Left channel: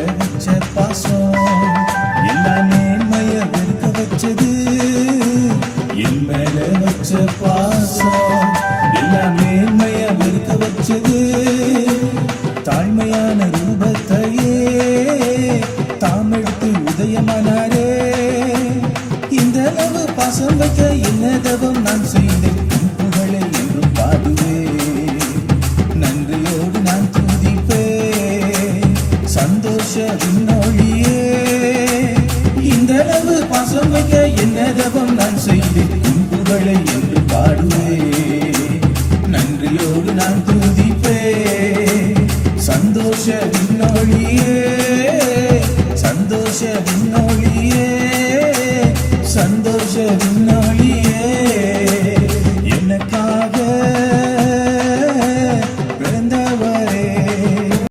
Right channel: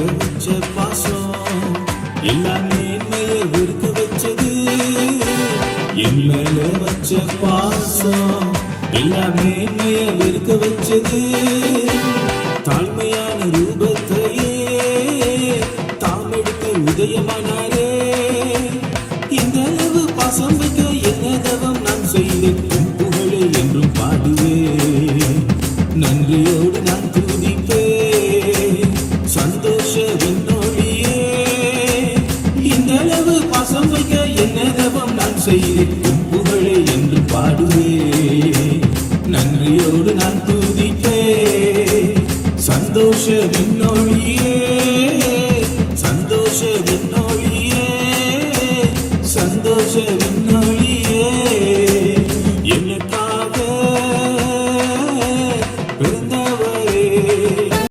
வச்ச பாசம் எல்லாம் மேன்மைய வெறுக்க வச்சது. என் மேல வச்ச பாசம் எல்லாம் மேன்மைய வெறுக்க வச்சது. தாழ்மையான ரூபத்தையே தாம் எடுத்து உதயமானாரே. இந்த அளவு பாசம் வைக்க என்ன தவம் நான் செய்த புகழை என்றும் பாடுவே. நன்றியோடு நான் துதிப்பே சந்தோஷ விண்ணொழியே. இந்த அளவு பாசம் வைக்க என்ன தவம் நான் செய்த புகழை என்று பாடுவே. நன்றியோடு நான் துதிப்பே சந்தோஷ விண்ணொழியே. சந்தோஷ விண்ணொழியே. சந்தோஷ விண்ணொழியே. எனக்காக